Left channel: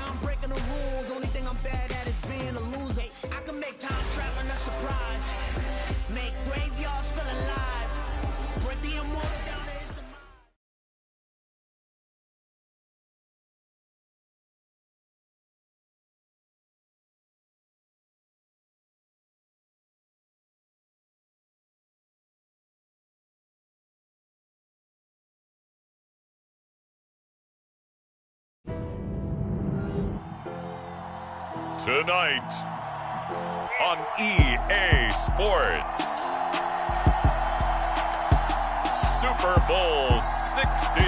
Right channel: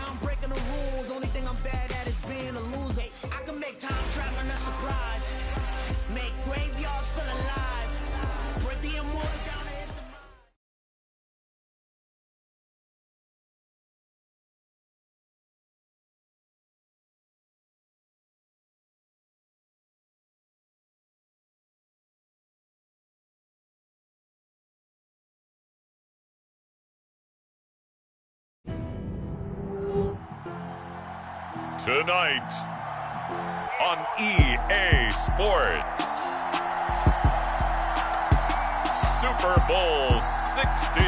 I'm breaking the rules. Only thing I'm bad at is being a loser. I can make time traveling a surprise. Make graveyards feel alive. Break the immortal down to his demise. Tonight on EA Sports, Super Bowl 60.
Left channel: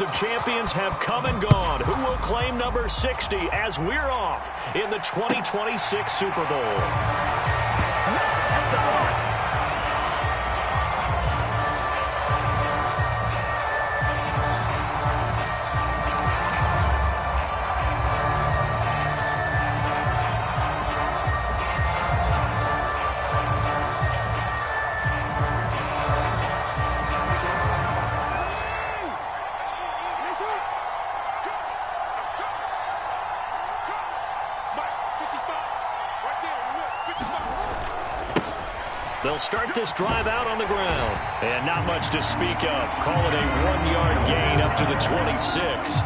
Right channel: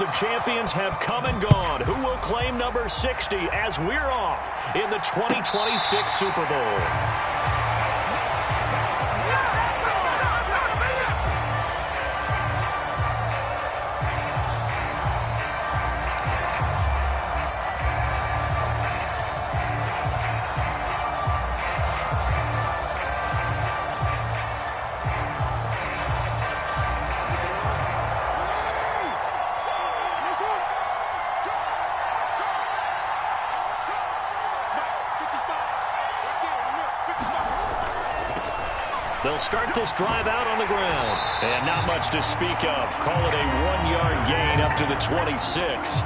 Of champions have come and gone. Who will claim number 60 as we're off in the 2026 Super Bowl? They'll start this drive out on the ground. And not much to speak of. Call it a 1-yard gain up to the 26.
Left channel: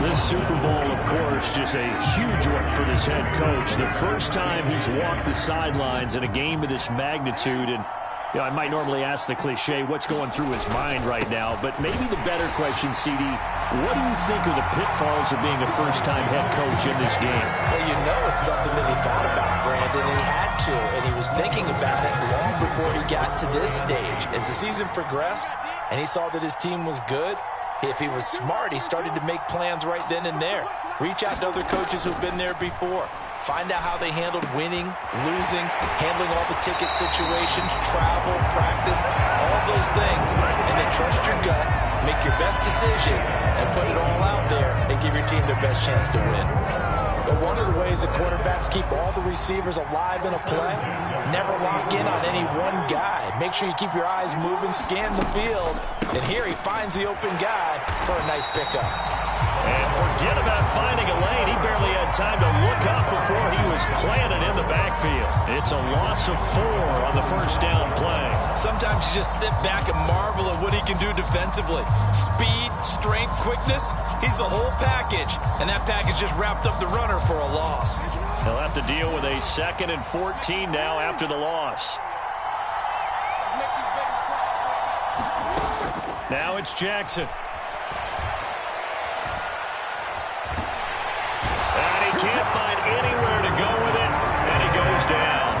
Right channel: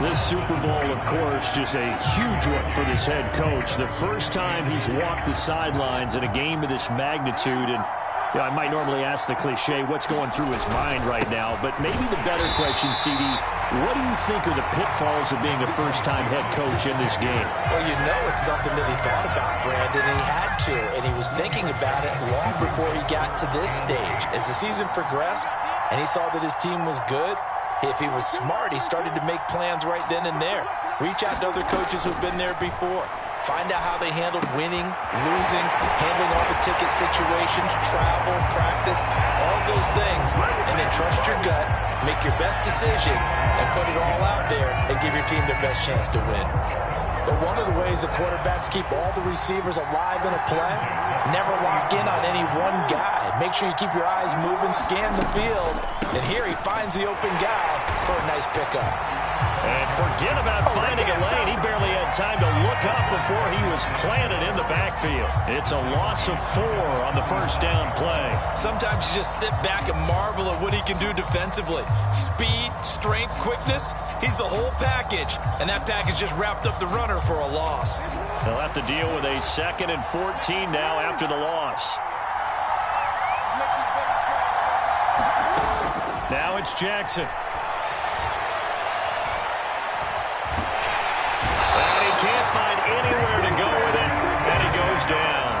This Super Bowl, of course, just a huge one for this head coach. The first time he's walked the sidelines in a game of this magnitude. And you know, I might normally ask the cliche, what's going through his mind right now? But maybe the better question, CD, what do you think are the pitfalls of being a first-time head coach in this game? Well, you know it's something that he thought about, Brandon, and he had to, and he was thinking about it long before he got to this stage. As the season progressed and he saw that his team was good, if he was smart, he started to make plans right then and there. Reach out to other coaches who've been there before. Find out how they handled winning, losing, handling all the ticket situations, travel, practice, all those things. And then trust your gut, make your best decision, and put it all out there and give your team their best chance to win. But one of the ways that quarterbacks keep all the receivers alive in a play, never lock in on any one guy. Make sure you keep your eyes moving, scan the field. And here he finds the open guy for a nice pickup. And forget about finding a lane. He barely had time to look up before he was planted in the backfield. It's a loss of 4 on the first down play. Sometimes you just sit back and marvel at what he can do defensively. Speed, strength, quickness, he's the whole package. And that package just wrapped up the runner for a loss. He'll have to deal with a 2nd and 14 now after the loss. Now it's Jackson. Can't find anywhere to go with it, and he goes down.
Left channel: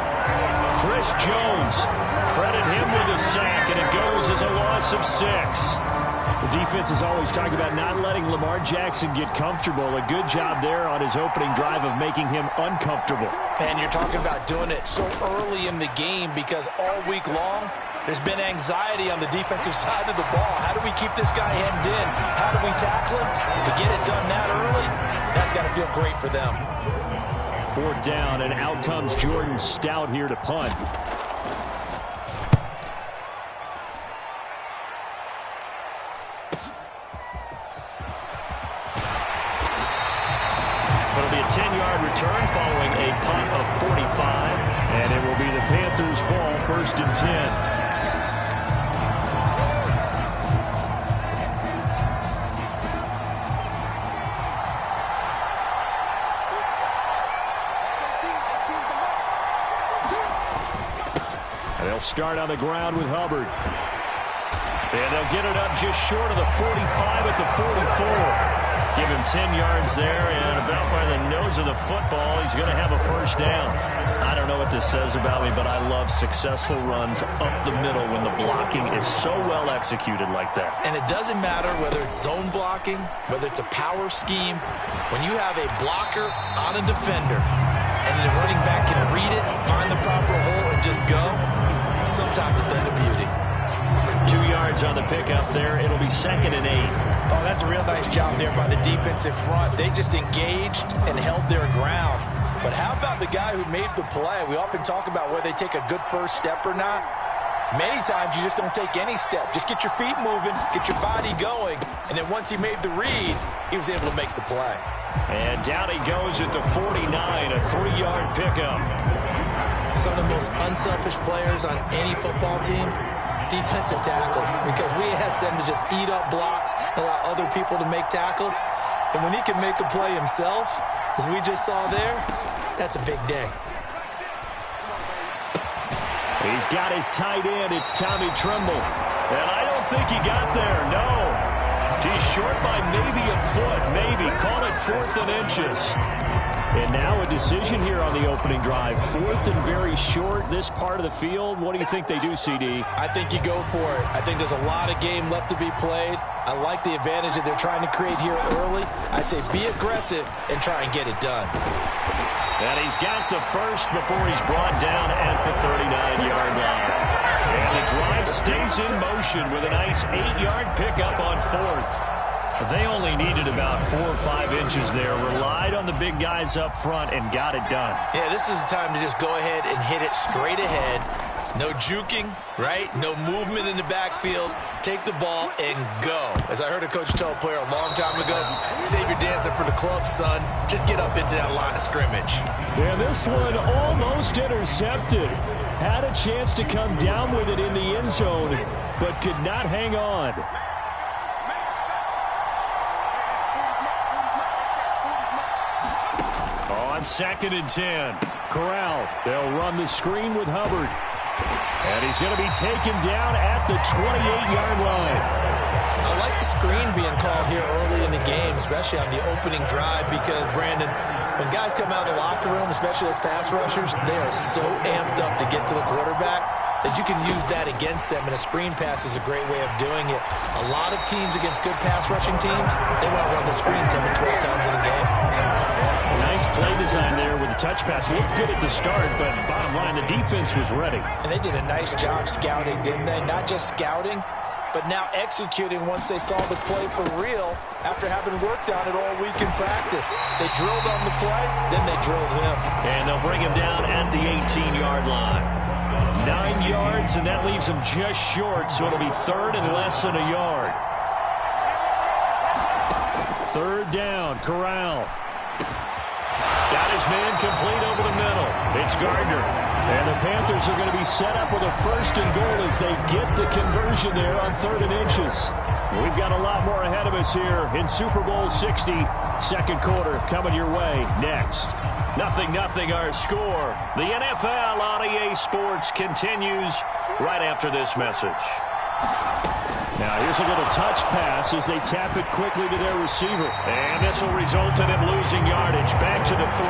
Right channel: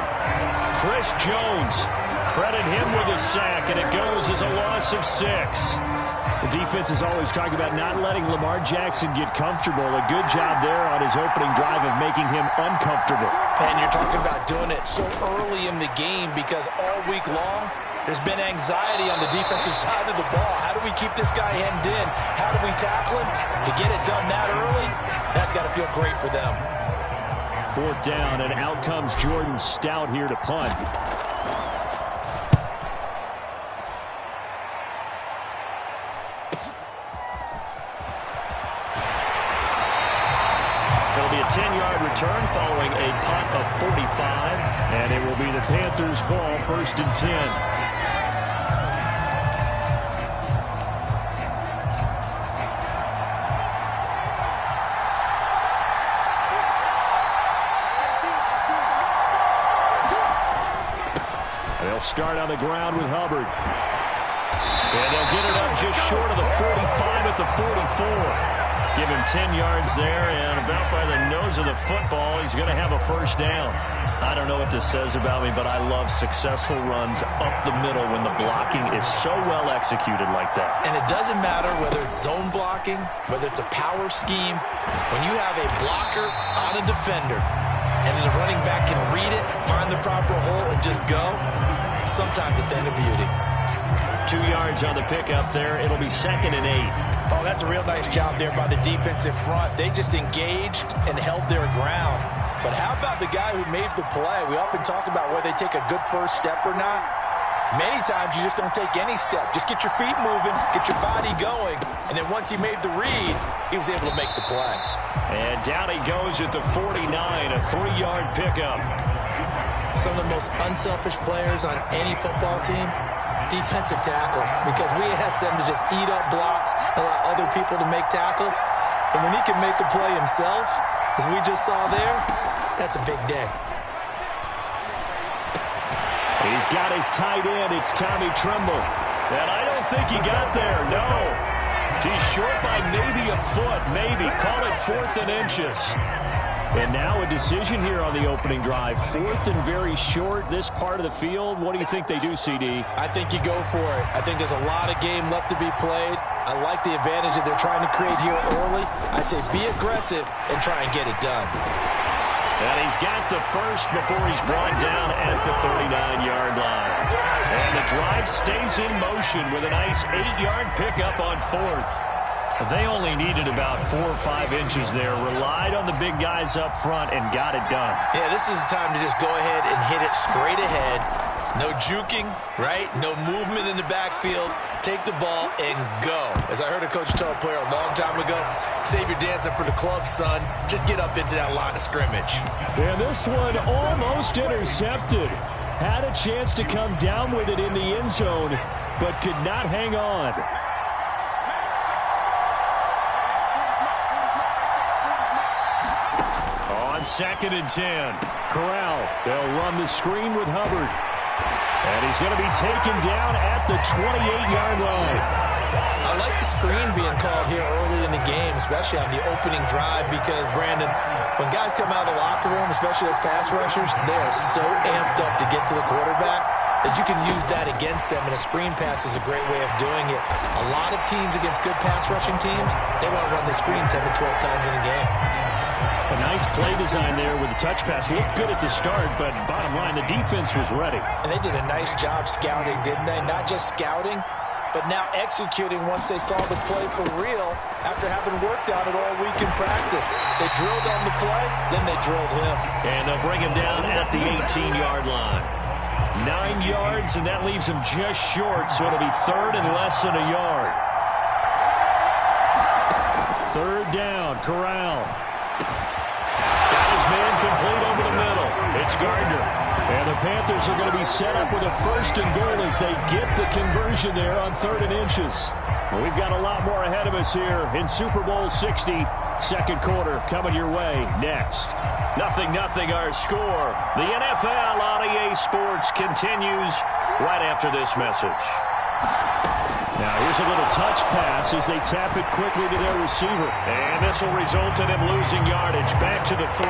Chris Jones, credit him with a sack, and it goes as a loss of 6. The defense is always talking about not letting Lamar Jackson get comfortable. A good job there on his opening drive of making him uncomfortable. And you're talking about doing it so early in the game because all week long, there's been anxiety on the defensive side of the ball. How do we keep this guy hemmed in? How do we tackle him? To get it done that early, that's got to feel great for them. 4th down, and out comes Jordan Stout here to punt. It'll be a 10-yard return following a punt of 45, and it will be the Panthers' ball, 1st and 10. They'll start on the ground with Hubbard. And they'll get it up just short of the 45 at the 44. Give him 10 yards there, and about by the nose of the football, he's going to have a first down. I don't know what this says about me, but I love successful runs up the middle when the blocking is so well executed like that. And it doesn't matter whether it's zone blocking, whether it's a power scheme. When you have a blocker on a defender, and the running back can read it, find the proper hole, and just go, sometimes a thing of beauty. 2 yards on the pickup there. It'll be 2nd and 8. Oh, that's a real nice job there by the defensive front. They just engaged and held their ground. But how about the guy who made the play? We often talk about whether they take a good first step or not. Many times you just don't take any step. Just get your feet moving, get your body going, and then once he made the read, he was able to make the play. And down he goes at the 49, a 3-yard pickup. Some of the most unselfish players on any football team, defensive tackles, because we ask them to just eat up blocks and allow other people to make tackles. And when he can make a play himself, as we just saw there, that's a big day. He's got his tight end. It's Tommy Tremble. And I don't think he got there. No. He's short by maybe a foot. Maybe. Call it 4th and inches. And now a decision here on the opening drive. 4th and very short, this part of the field. What do you think they do, CD? I think you go for it. I think there's a lot of game left to be played. I like the advantage that they're trying to create here early. I say be aggressive and try and get it done. And he's got the first before he's brought down at the 39-yard line. And the drive stays in motion with a nice 8-yard pickup on 4th. They only needed about 4 or 5 inches there, relied on the big guys up front, and got it done. Yeah, this is the time to just go ahead and hit it straight ahead. No juking, right? No movement in the backfield. Take the ball and go. As I heard a coach tell a player a long time ago, save your dancing for the club, son. Just get up into that line of scrimmage. And this one almost intercepted. Had a chance to come down with it in the end zone, but could not hang on. On 2nd and 10, Corral. They'll run the screen with Hubbard. And he's going to be taken down at the 28-yard line. I like the screen being called here early in the game, especially on the opening drive, because, Brandon, when guys come out of the locker room, especially those pass rushers, they are so amped up to get to the quarterback that you can use that against them, and a screen pass is a great way of doing it. A lot of teams against good pass rushing teams, they want to run the screen 10 to 12 times in a game. A nice play design there with the touch pass. Looked good at the start, but bottom line, the defense was ready. And they did a nice job scouting, didn't they? Not just scouting, but now executing once they saw the play for real after having worked on it all week in practice. They drilled on the play, then they drilled him. And they'll bring him down at the 18-yard line. 9 yards, and that leaves him just short, so it'll be 3rd and less than a yard. 3rd down, Corral. Got his man complete over the middle. It's Gardner. And the Panthers are going to be set up with a 1st and goal as they get the conversion there on 3rd and inches. We've got a lot more ahead of us here in Super Bowl 60. 2nd quarter coming your way next. 0-0 our score. The NFL on EA Sports continues right after this message. Now here's a little touch pass as they tap it quickly to their receiver. And this will result in him losing yardage. Back to the 3.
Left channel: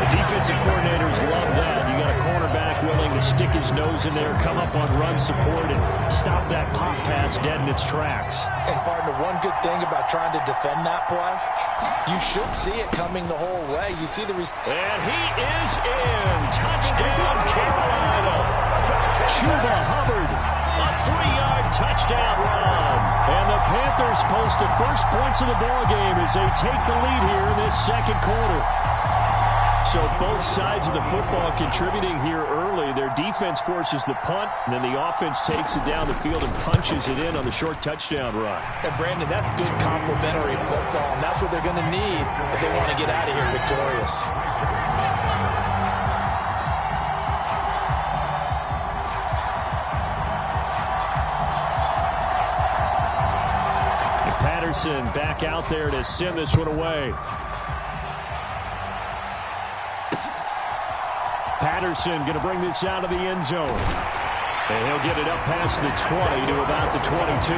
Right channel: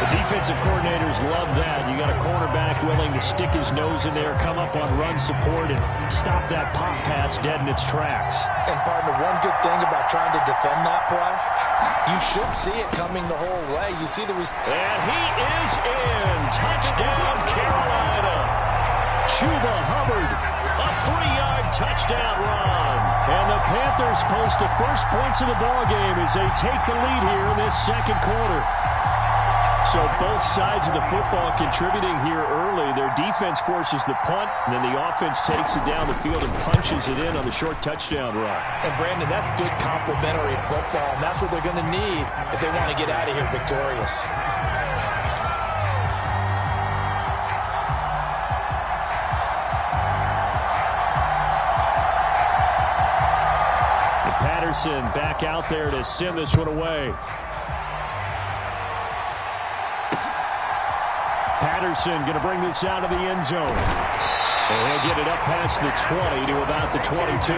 The defensive coordinators love that. You got a cornerback willing to stick his nose in there, come up on run support, and stop that pop pass dead in its tracks. And, partner, one good thing about trying to defend that play, you should see it coming the whole way. You see the... And he is in. Touchdown, Carolina. Chuba Hubbard. A 3-yard touchdown run. And the Panthers post the first points of the ballgame as they take the lead here in this 2nd quarter. So both sides of the football contributing here early. Their defense forces the punt, and then the offense takes it down the field and punches it in on the short touchdown run. And, Brandon, that's good complementary football, and that's what they're going to need if they want to get out of here victorious. And Patterson back out there to send this one away. Patterson going to bring this out of the end zone. And he'll get it up past the 20 to about the 22.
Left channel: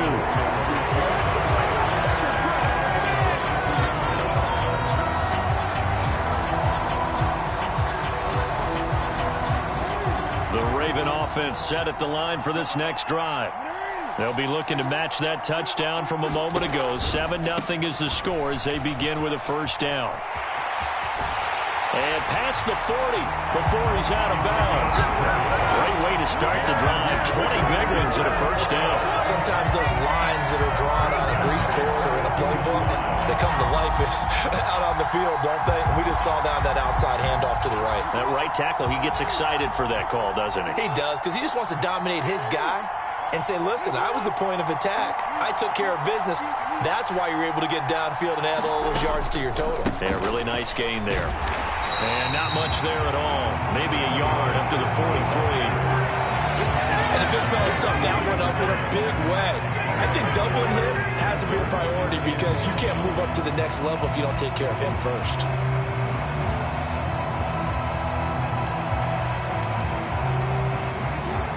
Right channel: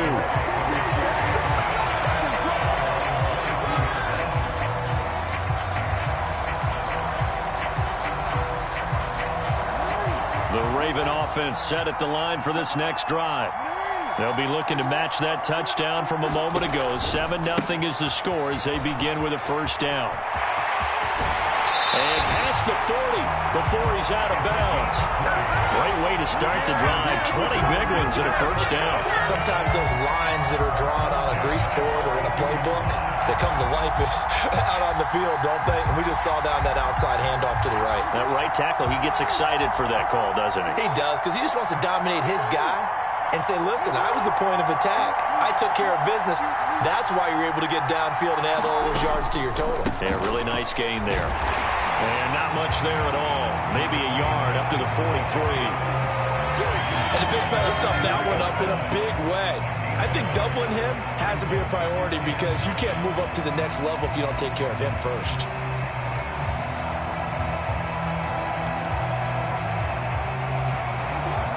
The Raven offense set at the line for this next drive. They'll be looking to match that touchdown from a moment ago. 7-0 is the score as they begin with a first down. And past the 40 before he's out of bounds. Great way to start the drive. 20 big ones and a first down. Sometimes those lines that are drawn on a grease board or in a playbook, they come to life out on the field, don't they? And we just saw down that outside handoff to the right. That right tackle, he gets excited for that call, doesn't he? He does, because he just wants to dominate his guy and say, listen, I was the point of attack. I took care of business. That's why you're able to get downfield and add all those yards to your total. Yeah, really nice gain there. And not much there at all. Maybe a yard up to the 43. And the big fella stuffed that one up in a big way. I think doubling him has to be a priority because you can't move up to the next level if you don't take care of him first.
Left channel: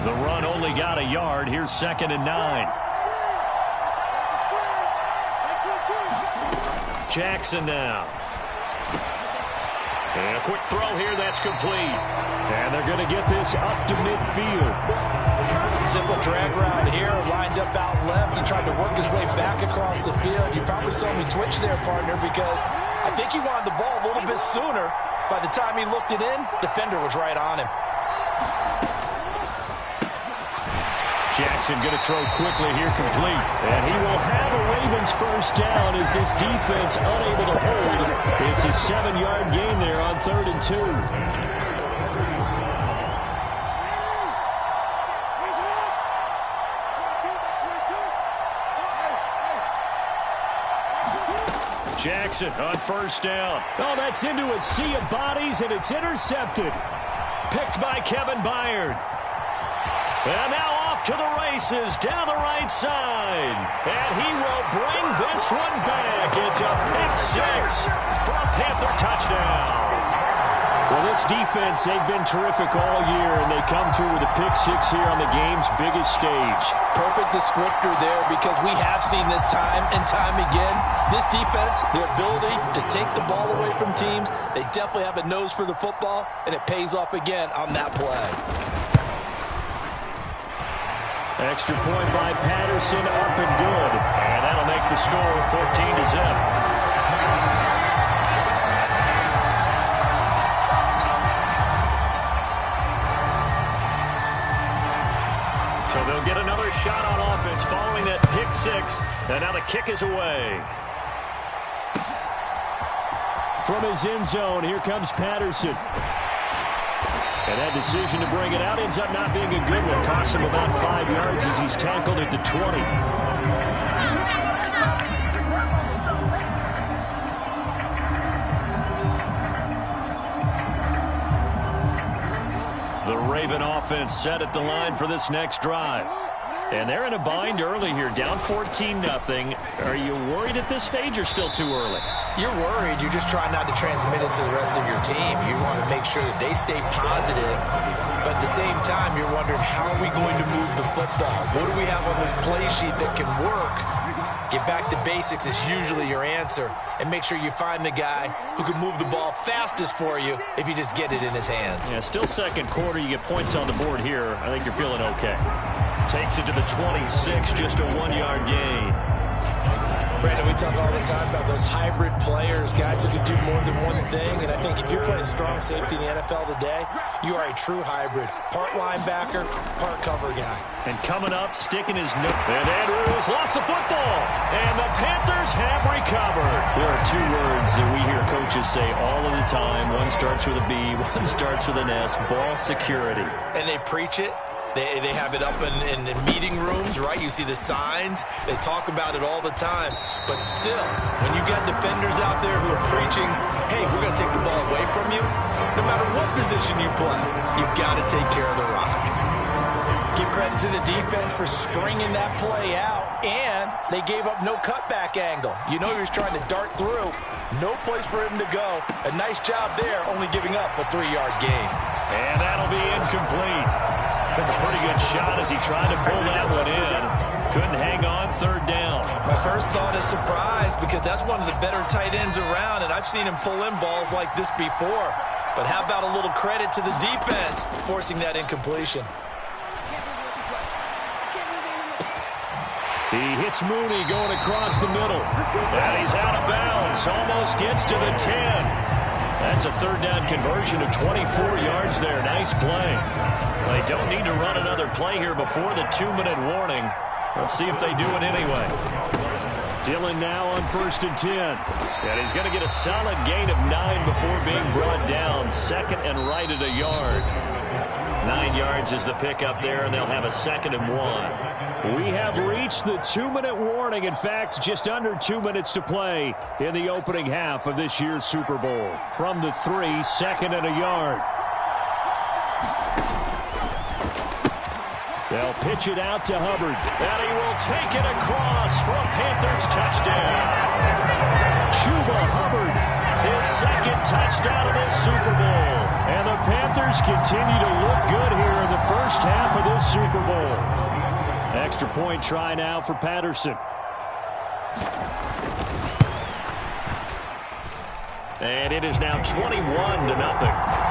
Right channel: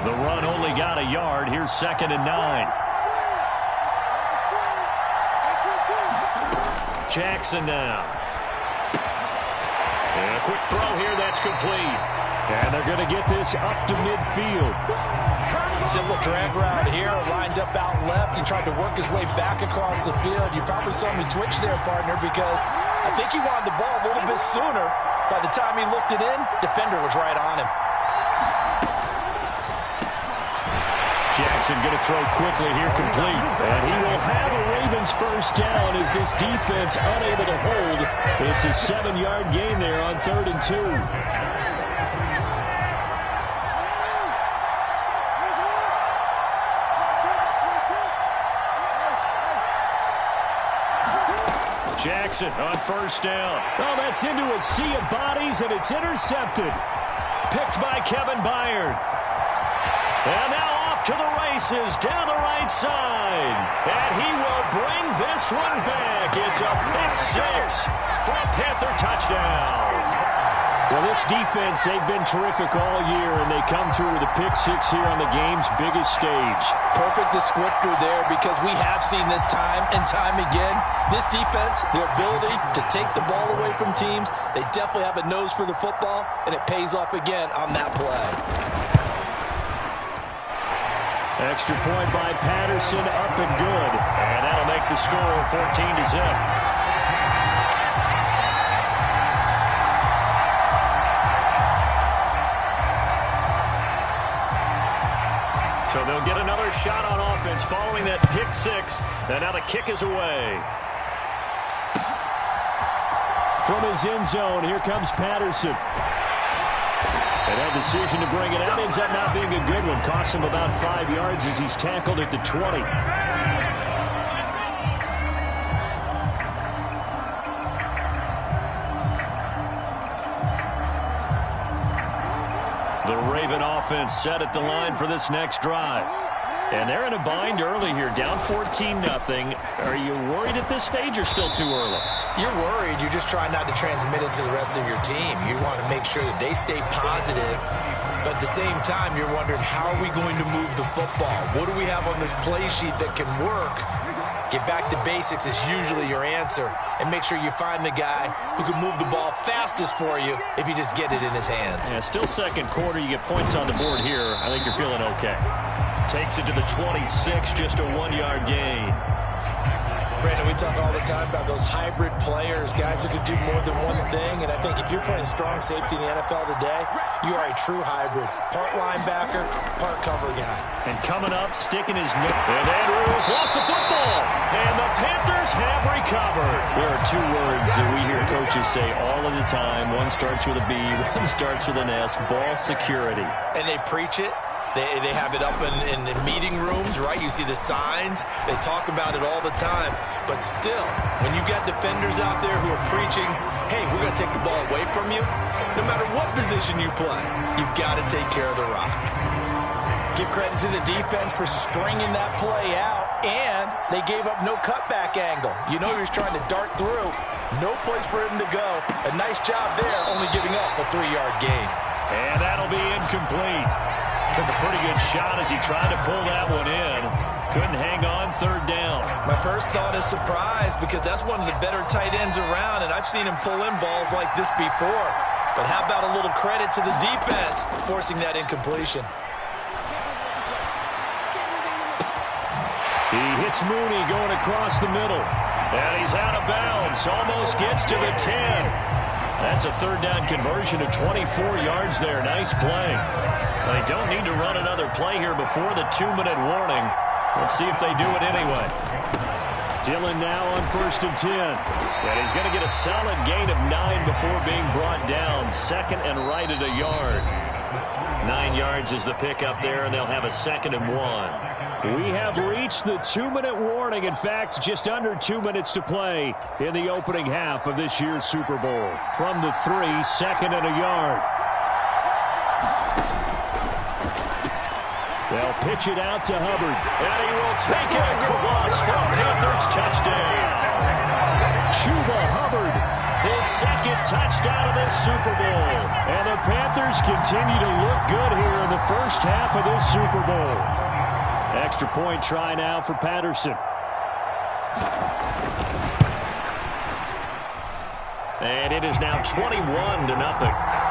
The run only got a yard. Here's 2nd and 9. Jackson now. And a quick throw here, that's complete. And they're going to get this up to midfield. Simple drag route here, lined up out left. He tried to work his way back across the field. You probably saw me twitch there, partner, because I think he wanted the ball a little bit sooner. By the time he looked it in, defender was right on him. Jackson going to throw quickly here, complete. And he will have a Ravens first down as this defense unable to hold. It's a 7-yard gain there on 3rd and 2. Jackson on first down. Oh, that's into a sea of bodies, and it's intercepted. Picked by Kevin Byard. And now off to the races down the right side. And he will bring this one back. It's a pick-6 for a Panther touchdown. Well, this defense, they've been terrific all year, and they come through with a pick-6 here on the game's biggest stage. Perfect descriptor there because we have seen this time and time again. This defense, the ability to take the ball away from teams, they definitely have a nose for the football, and it pays off again on that play. Extra point by Patterson, up and good. And that'll make the score 14-0. So they'll get another shot on offense following that pick-6. And now the kick is away. From his end zone, here comes Patterson. And that decision to bring it out ends up not being a good one. Costs him about 5 yards as he's tackled at the 20. The Raven offense set at the line for this next drive. And they're in a bind early here, down 14-0. Are you worried at this stage or still too early? You're worried. You're just trying not to transmit it to the rest of your team. You want to make sure that they stay positive. But at the same time, you're wondering, how are we going to move the football? What do we have on this play sheet that can work? Get back to basics is usually your answer. And make sure you find the guy who can move the ball fastest for you if you just get it in his hands. Yeah, still second quarter. You get points on the board here. I think you're feeling okay. Takes it to the 26, just a 1-yard gain. Brandon, we talk all the time about those hybrid players, guys who can do more than one thing. And I think if you're playing strong safety in the NFL today, you are a true hybrid. Part linebacker, part cover guy. And coming up, sticking his nose. And Andrews lost the football. And the Panthers have recovered. There are 2 words that we hear coaches say all of the time. One starts with a B, one starts with an S. Ball security. And they preach it. They have it up in meeting rooms, right? You see the signs. They talk about it all the time. But still, when you got defenders out there who are preaching, hey, we're going to take the ball away from you, no matter what position you play, you've got to take care of the rock. Give credit to the defense for stringing that play out, and they gave up no cutback angle. You know he was trying to dart through. No place for him to go. A nice job there, only giving up a 3-yard gain. And that'll be incomplete. Took a pretty good shot as he tried to pull that one in. Couldn't hang on, 3rd down. My first thought is surprise because that's one of the better tight ends around, and I've seen him pull in balls like this before. But how about a little credit to the defense forcing that incompletion? He hits Mooney going across the middle. And he's out of bounds. Almost gets to the 10. That's a third down conversion of 24 yards there. Nice play. They don't need to run another play here before the 2-minute warning. Let's see if they do it anyway. Dillon now on 1st and 10. And he's going to get a solid gain of 9 before being brought down. Second and right at a yard. 9 yards is the pickup there, and they'll have a 2nd and 1. We have reached the 2-minute warning. In fact, just under 2 minutes to play in the opening half of this year's Super Bowl. From the 3, 2nd and a yard. They'll pitch it out to Hubbard. And he will take it across for a Panthers touchdown. Chuba Hubbard, his 2nd touchdown of this Super Bowl. And the Panthers continue to look good here in the first half of this Super Bowl. Extra point try now for Patterson. And it is now 21-0.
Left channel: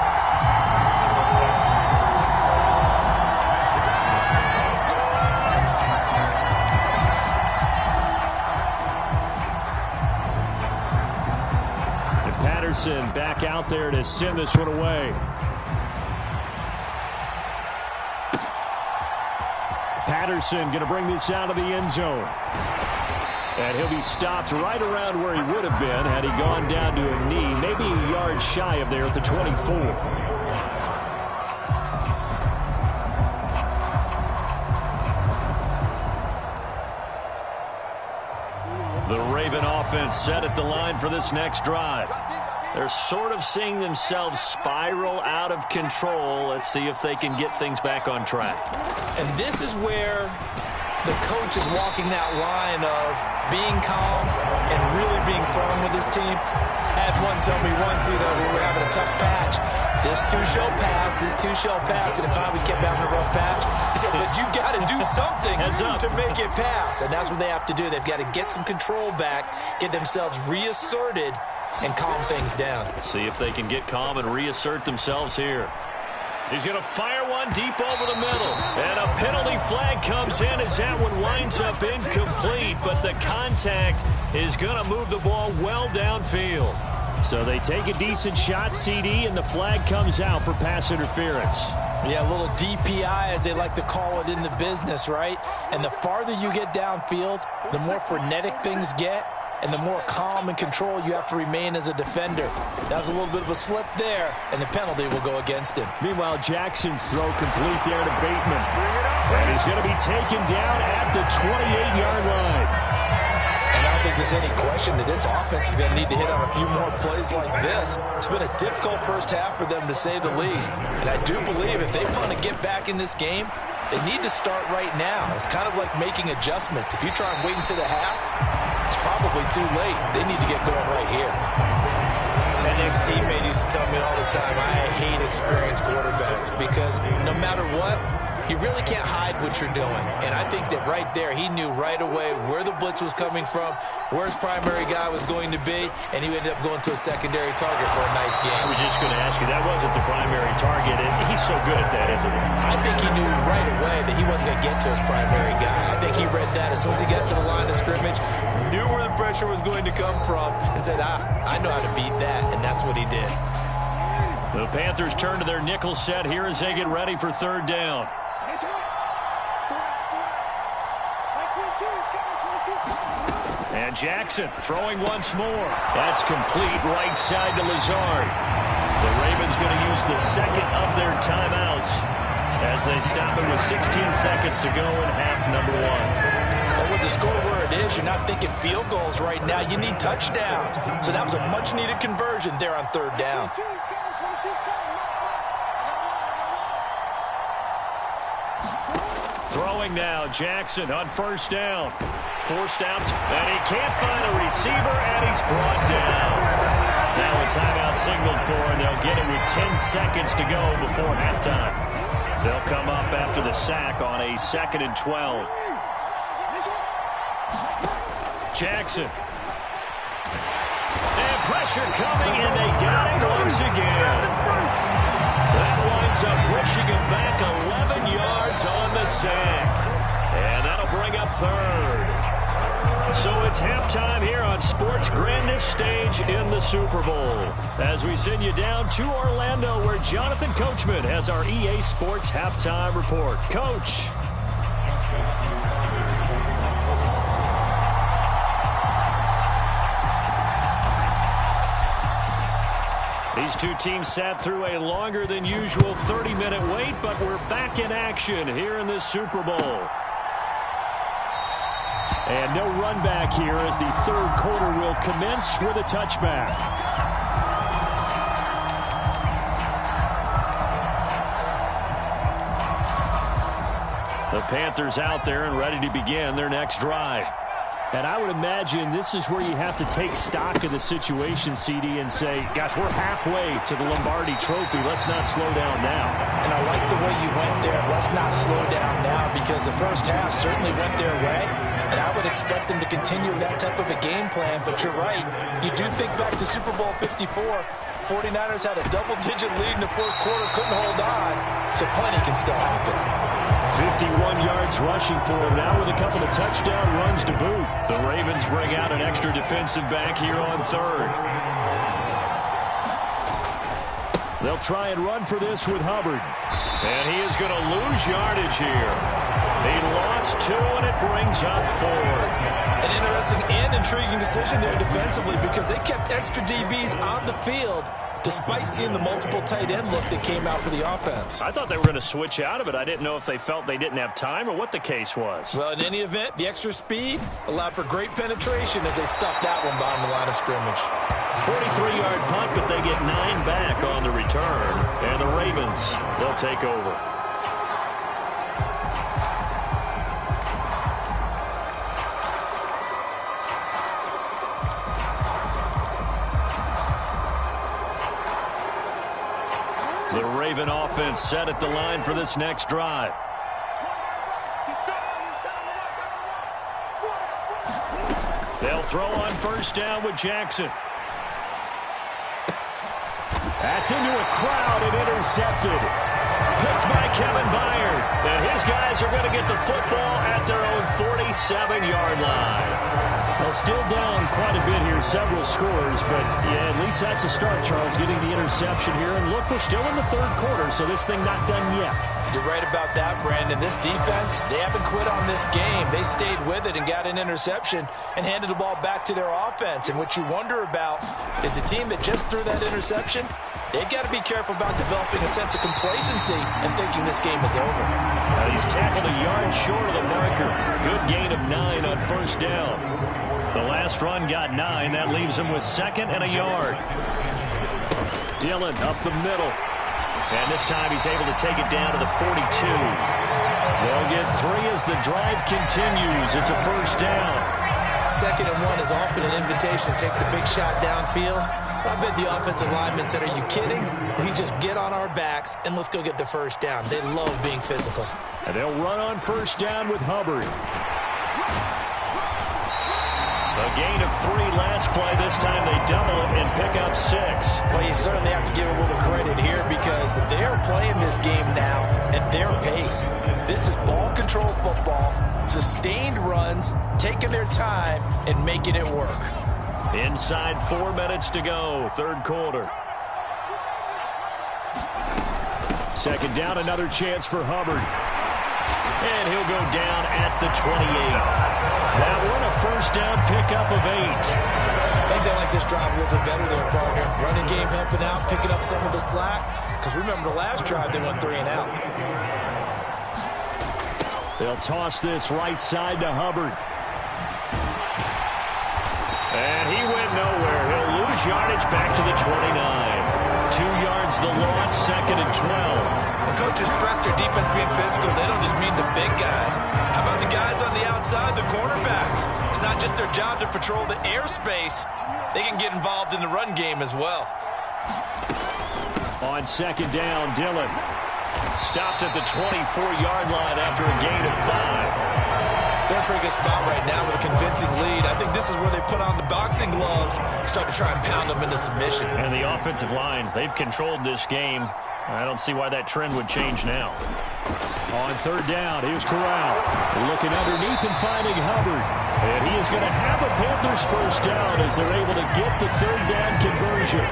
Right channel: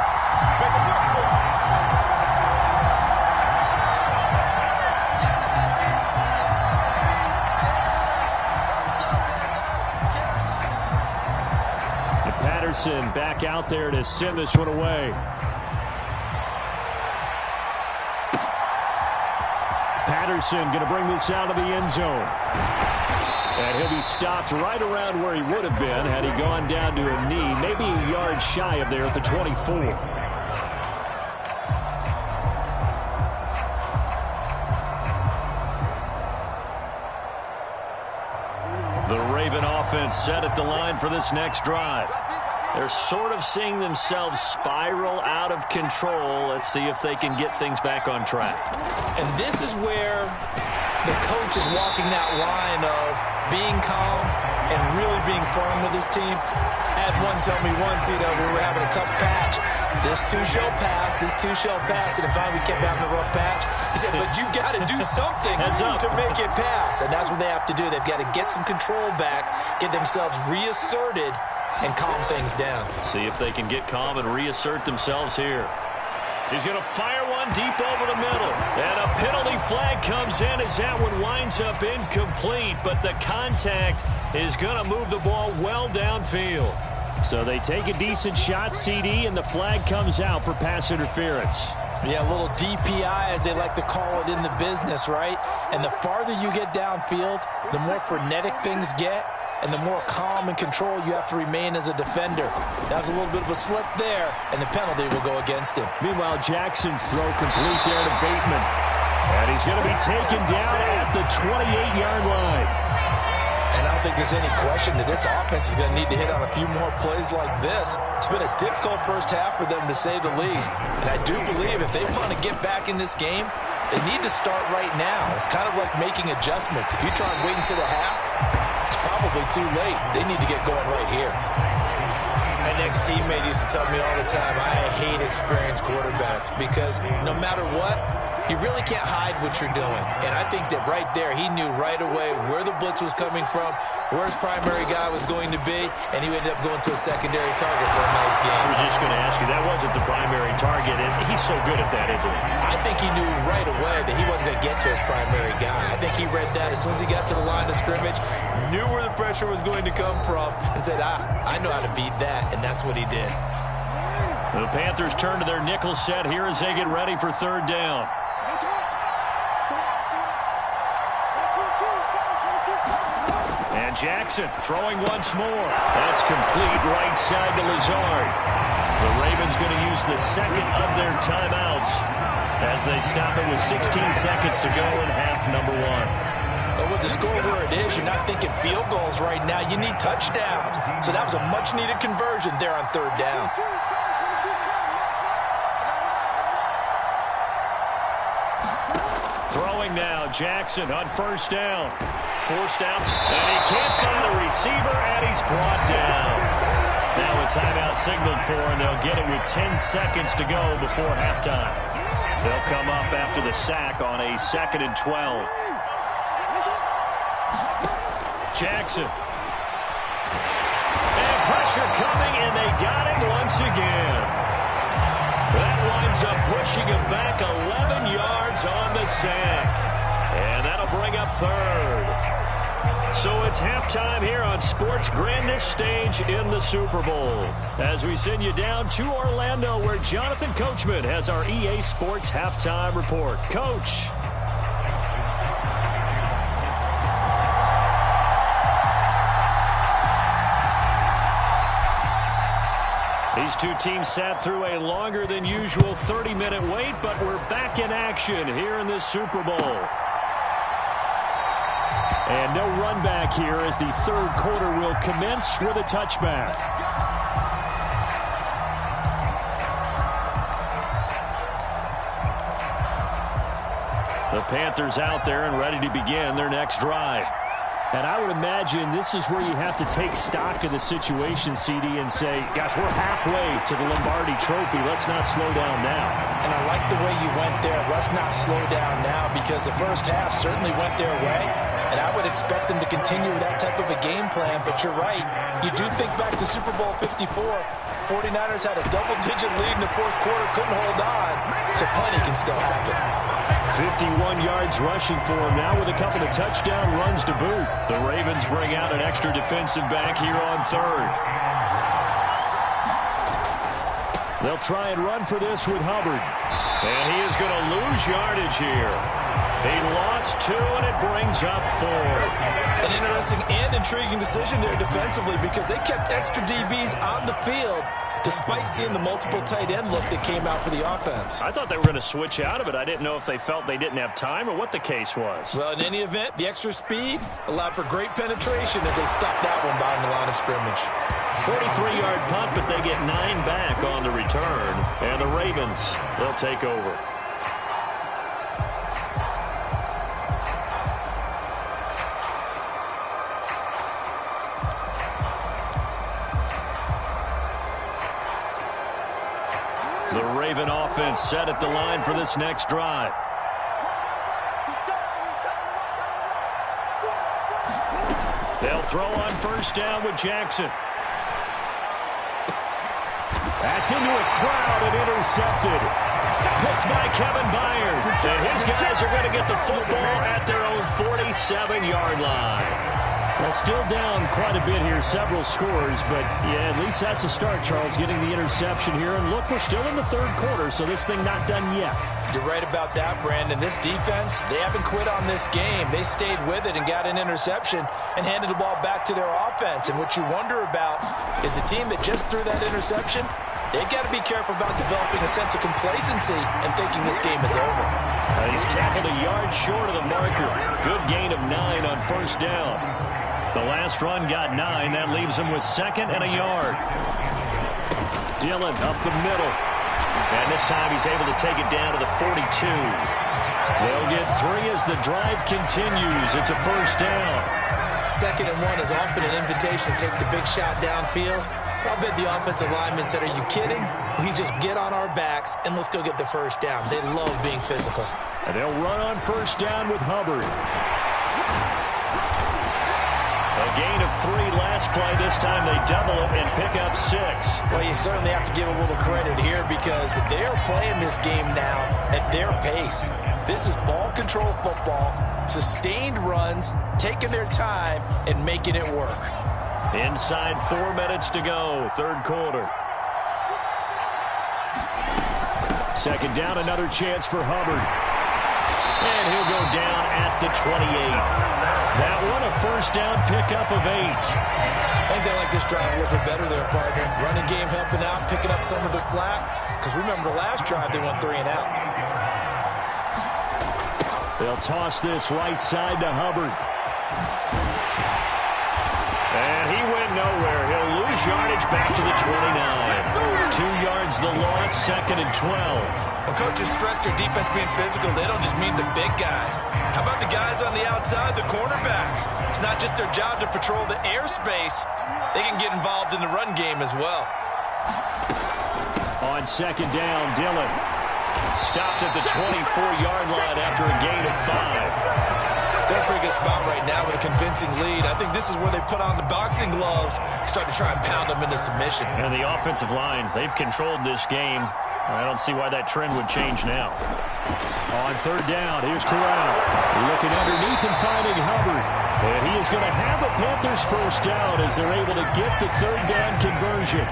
Patterson back out there to send this one away. Patterson going to bring this out of the end zone. And he'll be stopped right around where he would have been had he gone down to a knee, maybe a yard shy of there at the 24. The Raven offense set at the line for this next drive. They're sort of seeing themselves spiral out of control. Let's see if they can get things back on track. And this is where the coach is walking that line of being calm and really being firm with his team. I had one tell me once, when we were having a tough patch, this too shall pass, this too shall pass. And finally we kept having a rough patch. He said, but you got to do something to make it pass. And that's what they have to do. They've got to get some control back, get themselves reasserted, and calm things down. See if they can get calm and reassert themselves here. He's going to fire one deep over the middle. And a penalty flag comes in as that one winds up incomplete. But the contact is going to move the ball well downfield. So they take a decent shot, CD, and the flag comes out for pass interference. Yeah, a little DPI, as they like to call it in the business, right? And the farther you get downfield, the more frenetic things get, and the more calm and control you have to remain as a defender. That was a little bit of a slip there, and the penalty will go against him. Meanwhile, Jackson's throw complete there to Bateman. And he's going to be taken down at the 28-yard line. And I don't think there's any question that this offense is going to need to hit on a few more plays like this. It's been a difficult first half for them, to say the least. And I do believe if they want to get back in this game, they need to start right now. It's kind of like making adjustments. If you try and wait until the half, it's probably too late. They need to get going right here. An ex-teammate used to tell me all the time, I hate experienced quarterbacks because no matter what, you really can't hide what you're doing. And I think that right there, he knew right away where the blitz was coming from, where his primary guy was going to be, and he ended up going to a secondary target for a nice game. I was just going to ask you, that wasn't the primary target, and he's so good at that, isn't he? I think he knew right away that he wasn't going to get to his primary guy. I think he read that as soon as he got to the line of scrimmage, knew where the pressure was going to come from, and said, I know how to beat that, and that's what he did. The Panthers turn to their nickel set here as they get ready for third down. And Jackson throwing once more. That's complete right side to Lazard. The Ravens going to use the second of their timeouts as they stop it with 16 seconds to go in half number one. But with the score where it is, you're not thinking field goals right now. You need touchdowns. So that was a much-needed conversion there on third down. Throwing now, Jackson on first down. Forced out, and he can't find a receiver, and he's brought down. Now a timeout signaled for, and they'll get it with 10 seconds to go before halftime. They'll come up after the sack on a 2nd and 12. Jackson. And pressure coming, and they got him once again. That winds up pushing him back 11 yards on the sack. And that'll bring up third. So it's halftime here on sports' grandest stage in the Super Bowl. As we send you down to Orlando, where Jonathan Coachman has our EA Sports halftime report. Coach. These two teams sat through a longer than usual 30-minute wait, but we're back in action here in this Super Bowl. And no run back here as the third quarter will commence with a touchback. The Panthers out there and ready to begin their next drive. And I would imagine this is where you have to take stock of the situation, CD, and say, gosh, we're halfway to the Lombardi Trophy. Let's not slow down now. And I like the way you went there. Let's not slow down now, because the first half certainly went their way. And I would expect them to continue with that type of a game plan. But you're right. You do think back to Super Bowl 54. 49ers had a double-digit lead in the fourth quarter, couldn't hold on. So plenty can still happen. 51 yards rushing for him now with a couple of touchdown runs to boot. The Ravens bring out an extra defensive back here on third. They'll try and run for this with Hubbard. And he is going to lose yardage here. He lost 2, and it brings up 4. An interesting and intriguing decision there defensively, because they kept extra DBs on the field despite seeing the multiple tight end look that came out for the offense. I thought they were going to switch out of it. I didn't know if they felt they didn't have time or what the case was. Well, in any event, the extra speed allowed for great penetration as they stuffed that one behind the line of scrimmage. 43-yard punt, but they get 9 back on the return. And the Ravens, they'll take over. The Raven offense set at the line for this next drive. They'll throw on first down with Jackson. That's into a crowd and intercepted. Picked by Kevin Byard. And his guys are going to get the football at their own 47-yard line. Well, still down quite a bit here, several scores, but yeah, at least that's a start, Charles, getting the interception here. And look, we're still in the third quarter, so this thing not done yet. You're right about that, Brandon. This defense, they haven't quit on this game. They stayed with it and got an interception and handed the ball back to their offense. And what you wonder about is the team that just threw that interception, they've got to be careful about developing a sense of complacency and thinking this game is over. He's tackled a yard short of the marker. Good gain of 9 on first down. The last run got 9. That leaves him with 2nd and a yard. Dillon up the middle. And this time he's able to take it down to the 42. They'll get 3 as the drive continues. It's a first down. 2nd and 1 is often an invitation to take the big shot downfield. I bet the offensive lineman said, are you kidding? We just get on our backs and let's go get the first down. They love being physical. And they'll run on first down with Hubbard. A gain of 3 last play. This time they double it and pick up 6. Well, you certainly have to give a little credit here because they're playing this game now at their pace. This is ball control football, sustained runs, taking their time and making it work. Inside 4 minutes to go, third quarter. 2nd down, another chance for Hubbard. And he'll go down at the 28. That one a first down pickup of 8. I think they like this drive a little bit better there, partner. Running game helping out, picking up some of the slack. Because remember the last drive, they went 3 and out. They'll toss this right side to Hubbard. And he went nowhere. He'll lose yardage back to the 29. 2 yards the loss, 2nd and 12. When coaches stress their defense being physical, they don't just mean the big guys. How about the guys on the outside, the cornerbacks? It's not just their job to patrol the airspace. They can get involved in the run game as well. On 2nd down, Dillon stopped at the 24-yard line after a gain of 5. They're in a pretty good spot right now with a convincing lead. I think this is where they put on the boxing gloves, start to try and pound them into submission. And the offensive line, they've controlled this game I don't see why that trend would change now. On third down, here's Corral. Looking underneath and finding Hubbard. And he is going to have a Panthers first down as they're able to get the third down conversion.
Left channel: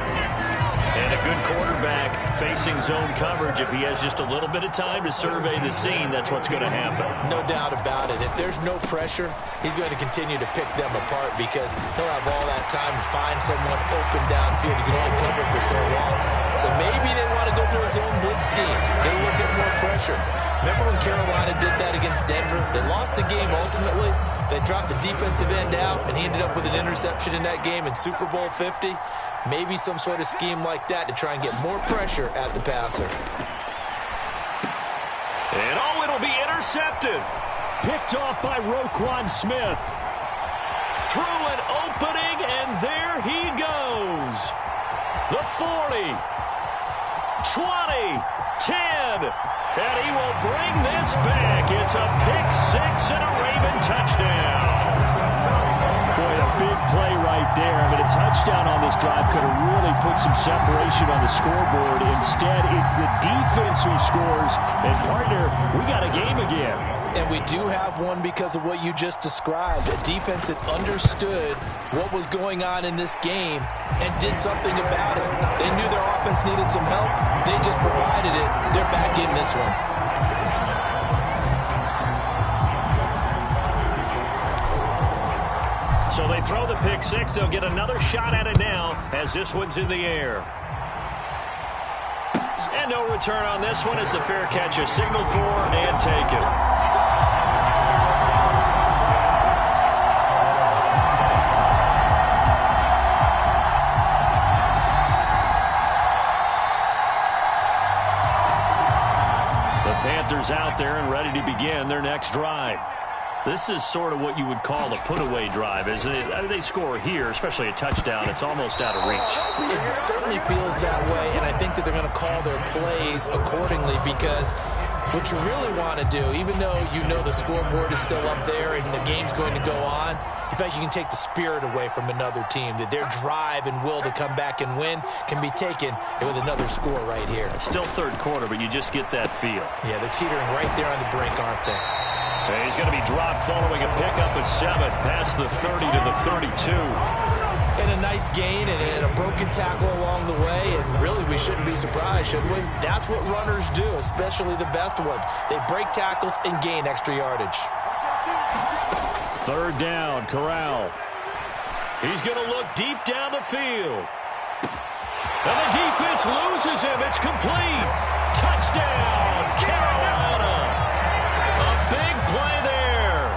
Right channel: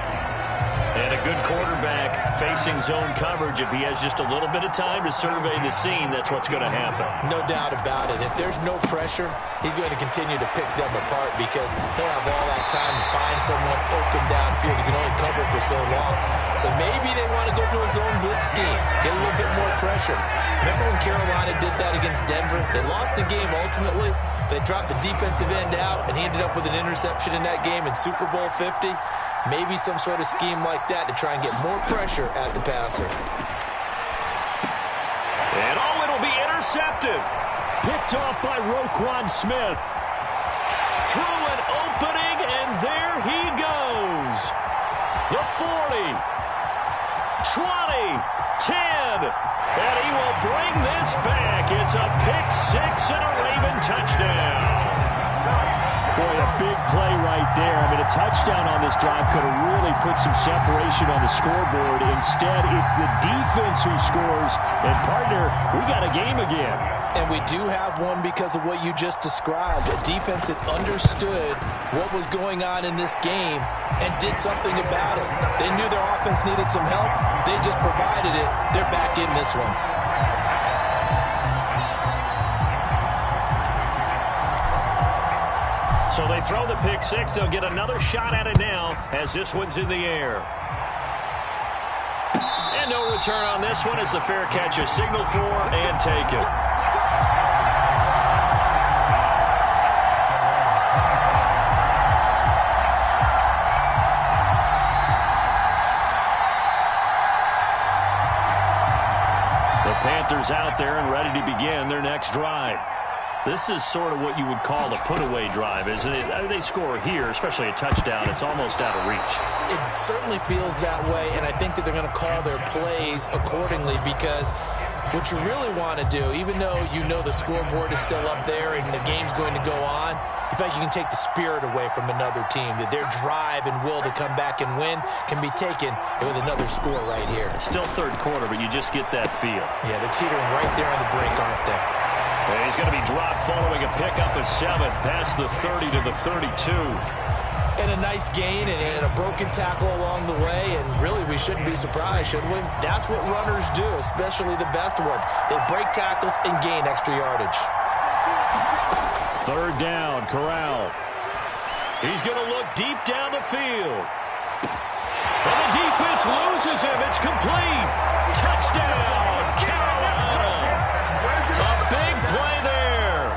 And a good quarterback facing zone coverage. If he has just a little bit of time to survey the scene, that's what's going to happen. No doubt about it. If there's no pressure, he's going to continue to pick them apart because he'll have all that time to find someone open downfield. He can only cover for so long. So maybe they want to go to a zone blitz scheme, get a little bit more pressure. Remember when Carolina did that against Denver? They lost the game ultimately. They dropped the defensive end out, and he ended up with an interception in that game in Super Bowl 50. Maybe some sort of scheme like that to try and get more pressure at the passer. And it'll be intercepted. Picked off by Roquan Smith. Through an opening, and there he goes. The 40, 20, 10, and he will bring this back. It's a pick-6 and a Raven touchdown. Boy, a big play right there. I mean, a touchdown on this drive could have really put some separation on the scoreboard. Instead, it's the defense who scores. And, partner, we got a game again. And we do have one because of what you just described. A defense that understood what was going on in this game and did something about it. They knew their offense needed some help. They just provided it. They're back in this one. So they throw the pick-6. They'll get another shot at it now as this one's in the air. And no return on this one as the fair catch is signaled for and taken. The Panthers out there and ready to begin their next drive. This is sort of what you would call a put-away drive, isn't it? They score here, especially a touchdown. It's almost out of reach. It certainly feels that way, and I think that they're going to call their plays accordingly because what you really want to do, even though you know the scoreboard is still up there and the game's going to go on, in fact, you can take the spirit away from another team, that their drive and will to come back and win can be taken with another score right here. It's still third quarter, but you just get that feel. Yeah, they're teetering right there on the brink, aren't they? And he's going to be dropped following a pickup of 7 past the 30 to the 32. And a nice gain and a broken tackle along the way, and really we shouldn't be surprised, should we? That's what runners do, especially the best ones. They break tackles and gain extra yardage. Third down, Corral. He's going to look deep down the field. And the defense loses him. It's complete. Touchdown, Carolina. A big play there.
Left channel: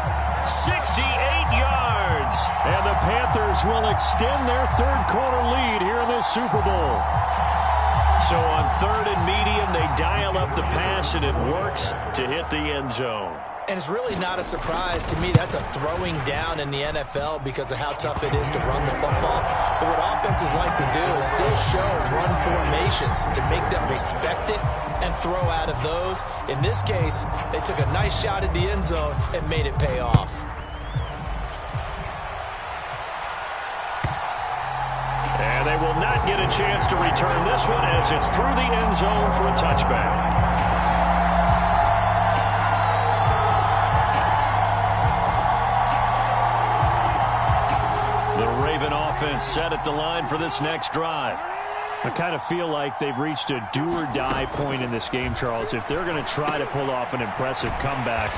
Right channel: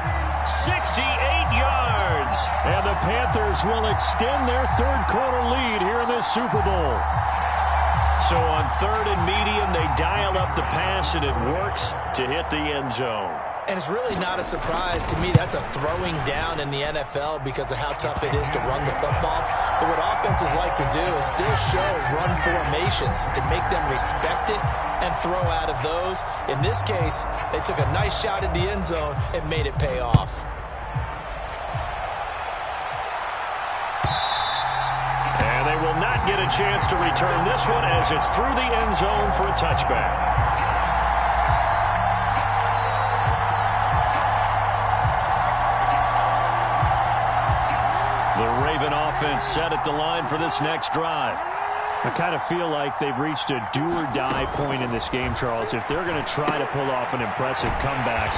68 yards. And the Panthers will extend their third quarter lead here in this Super Bowl. So on third and medium, they dial up the pass, and it works to hit the end zone. And it's really not a surprise to me. That's a throwing down in the NFL because of how tough it is to run the football. But what offenses like to do is still show run formations to make them respect it and throw out of those. In this case, they took a nice shot at the end zone and made it pay off. And they will not get a chance to return this one as it's through the end zone for a touchback. The Raven offense set at the line for this next drive. I kind of feel like they've reached a do-or-die point in this game, Charles. If they're going to try to pull off an impressive comeback,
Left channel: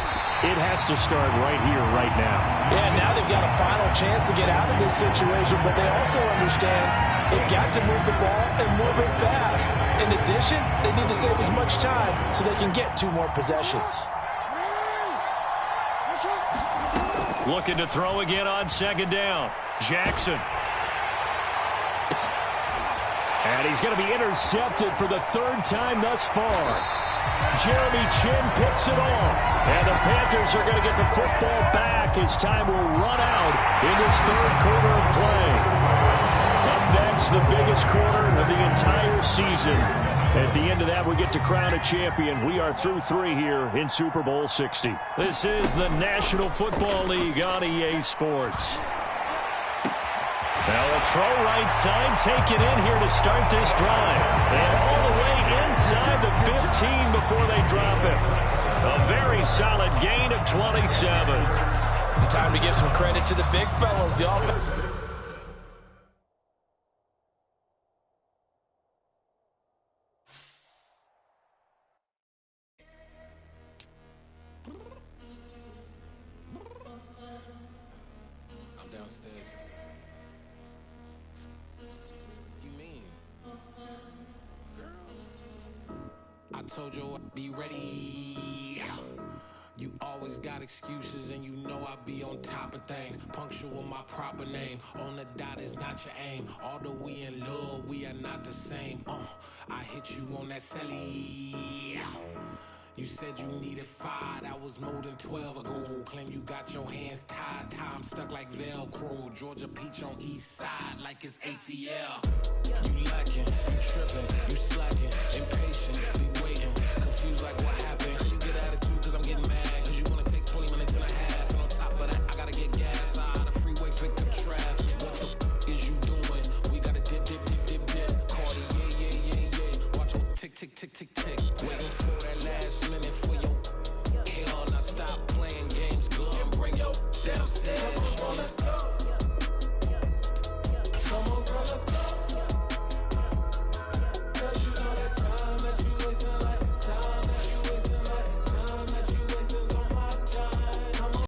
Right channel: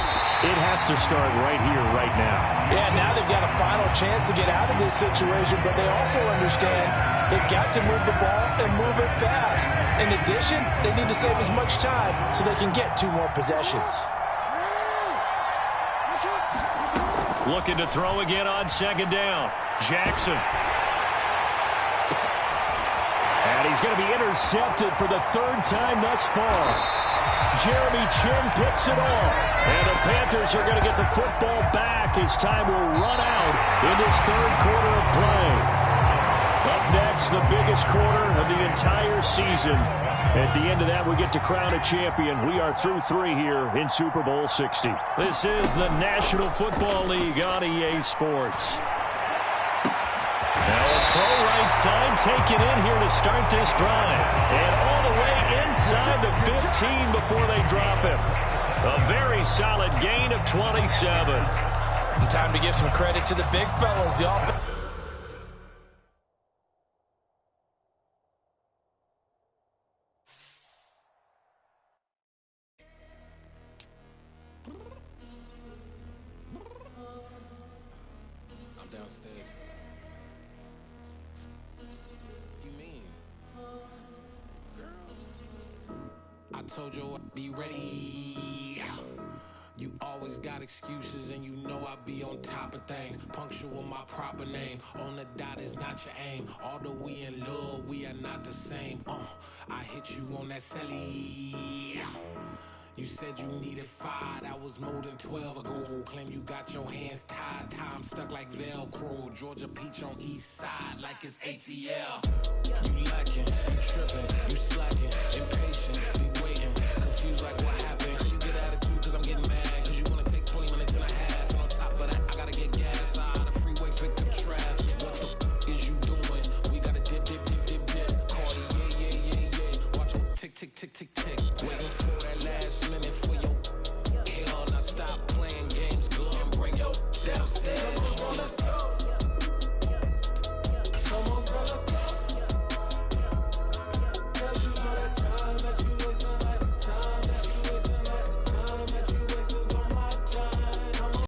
it has to start right here, right now. Yeah, now they've got a final chance to get out of this situation, but they also understand they've got to move the ball and move it fast. In addition, they need to save as much time so they can get 2 more possessions. Looking to throw again on second down. Jackson. And he's going to be intercepted for the 3rd time thus far. Jeremy Chin picks it off. And the Panthers are going to get the football back as time will run out in this 3rd quarter of play. Up next, the biggest quarter of the entire season. At the end of that, we get to crown a champion. We are through 3 here in Super Bowl 60. This is the National Football League on EA Sports. Now a throw right side taken in here to start this drive. And all the way inside the 15 before they drop him. A very solid gain of 27. And time to give some credit to the big fellas. The offense. I'm downstairs. You mean? Girl, I told you I'd be ready. You always got excuses and you know I be on top of things. Punctual my proper name. On the dot is not your aim. Although we in love, we are not the same. I hit you on that celly. You said you needed 5, that was more than 12 ago. Claim you got your hands tied, time stuck like Velcro. Georgia Peach on east side like it's ATL. You lacking, you tripping, you slacking, impatient, we waiting, confused like what happened.